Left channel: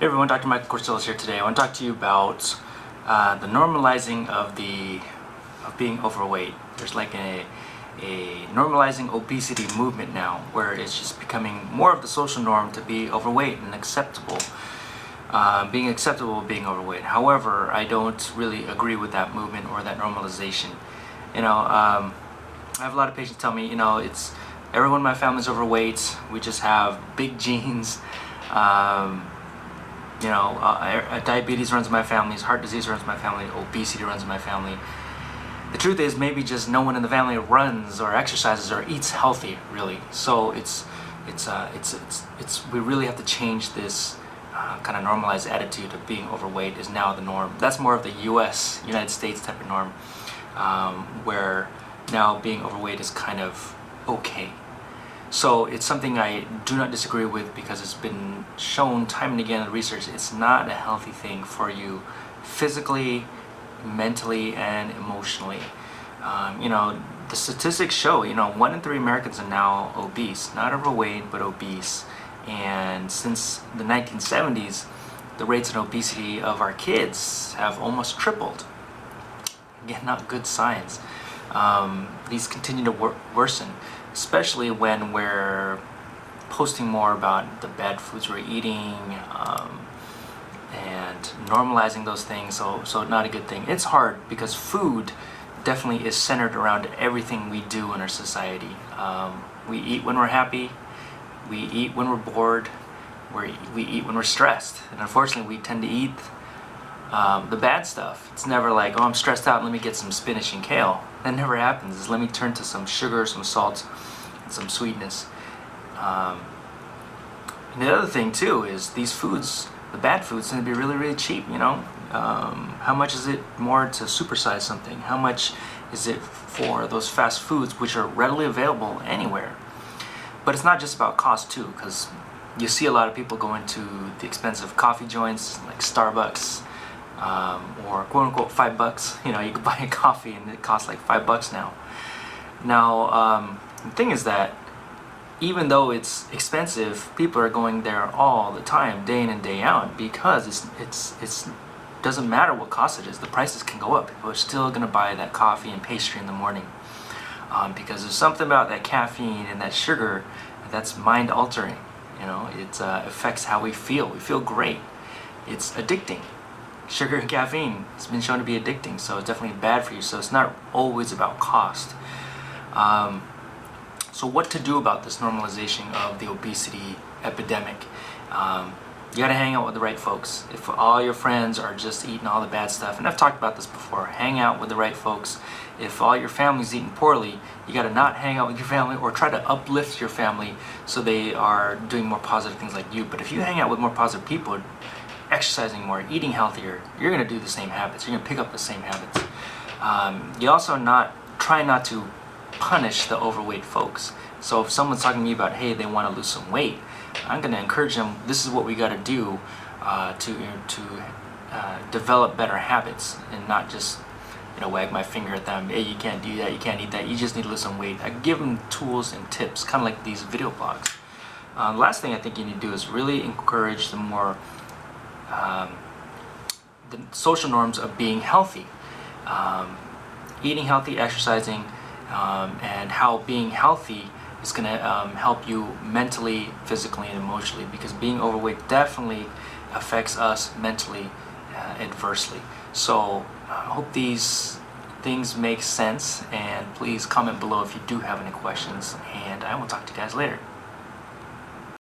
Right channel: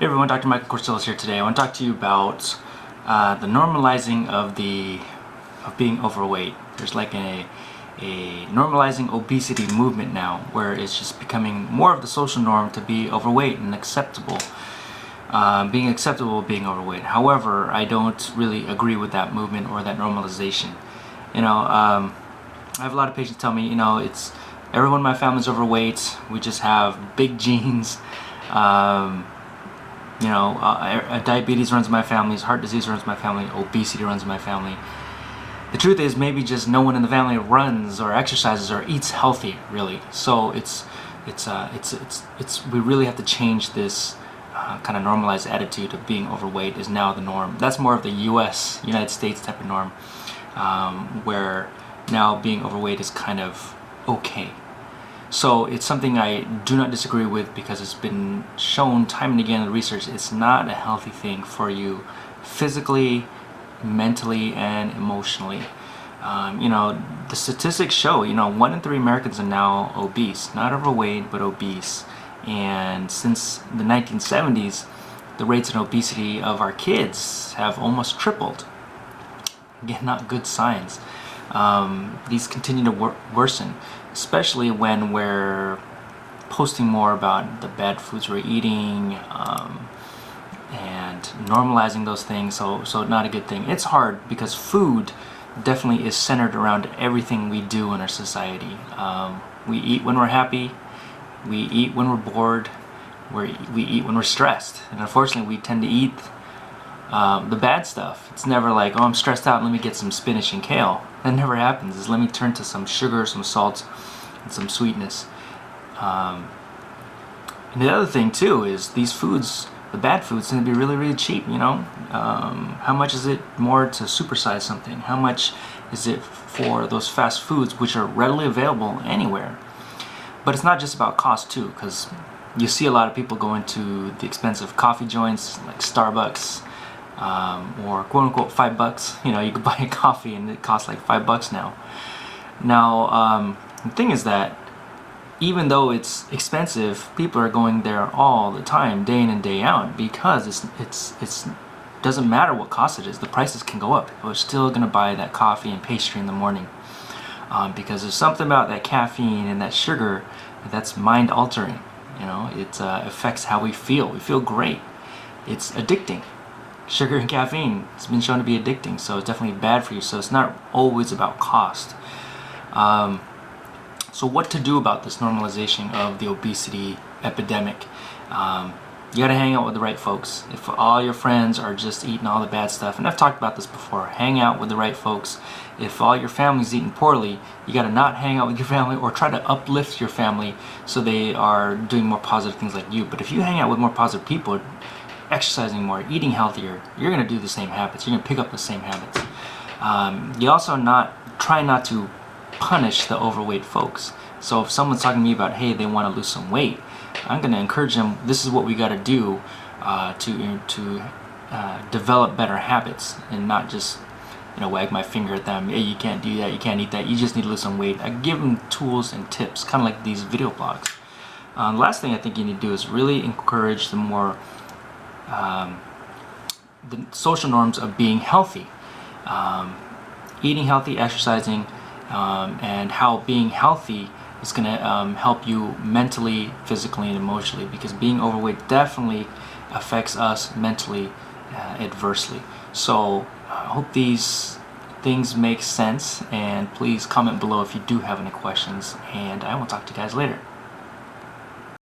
Hey everyone, Dr. Michael Corsillas here today. I want to talk to you about the normalizing of being overweight. There's like a normalizing obesity movement now, where it's just becoming more of the social norm to be overweight and acceptable. Being acceptable being overweight. However, I don't really agree with that movement or that normalization. I have a lot of patients tell me, it's everyone in my family is overweight. We just have big genes. Diabetes runs in my family, heart disease runs in my family, obesity runs in my family. The truth is, maybe just no one in the family runs or exercises or eats healthy, really. So we really have to change this kind of normalized attitude of being overweight is now the norm. That's more of the United States type of norm, where now being overweight is kind of okay. So it's something I do not disagree with, because it's been shown time and again in the research it's not a healthy thing for you physically, mentally, and emotionally. The statistics show, 1 in 3 Americans are now obese, not overweight, but obese. And since the 1970s, the rates of obesity of our kids have almost tripled. Again, not good signs. These continue to worsen, especially when we're posting more about the bad foods we're eating, and normalizing those things. So not a good thing. It's hard because food definitely is centered around everything we do in our society. We eat when we're happy. We eat when we're bored. We eat when we're stressed. And unfortunately, we tend to eat the bad stuff. It's never like, oh, I'm stressed out, let me get some spinach and kale. That never happens. It's let me turn to some sugar, some salt, and some sweetness. And the other thing too is these foods, the bad foods, tend to be really, really cheap. How much is it more to supersize something? How much is it for those fast foods, which are readily available anywhere? But it's not just about cost too, because you see a lot of people going to the expensive coffee joints like Starbucks, or quote unquote $5. You could buy a coffee and it costs like $5 now. Now, the thing is that even though it's expensive, people are going there all the time, day in and day out, because it's doesn't matter what cost it is. The prices can go up. People are still going to buy that coffee and pastry in the morning, because there's something about that caffeine and that sugar that's mind altering. It affects how we feel. We feel great. It's addicting. Sugar and caffeine has been shown to be addicting, so it's definitely bad for you. So it's not always about cost. So what to do about this normalization of the obesity epidemic? You gotta hang out with the right folks. If all your friends are just eating all the bad stuff, and I've talked about this before, hang out with the right folks. If all your family's eating poorly, you gotta not hang out with your family, or try to uplift your family so they are doing more positive things like you. But if you hang out with more positive people, exercising more, eating healthier, you're going to do the same habits. You're going to pick up the same habits. You also try not to punish the overweight folks. So if someone's talking to me about, hey, they want to lose some weight, I'm going to encourage them, this is what we got to do to develop better habits, and not just wag my finger at them, hey, you can't do that, you can't eat that, you just need to lose some weight. I give them tools and tips, kind of like these video blogs. The last thing I think you need to do is really encourage the more the social norms of being healthy, eating healthy, exercising, and how being healthy is going to help you mentally, physically, and emotionally, because being overweight definitely affects us mentally adversely. So I hope these things make sense, and please comment below if you do have any questions, and I will talk to you guys later.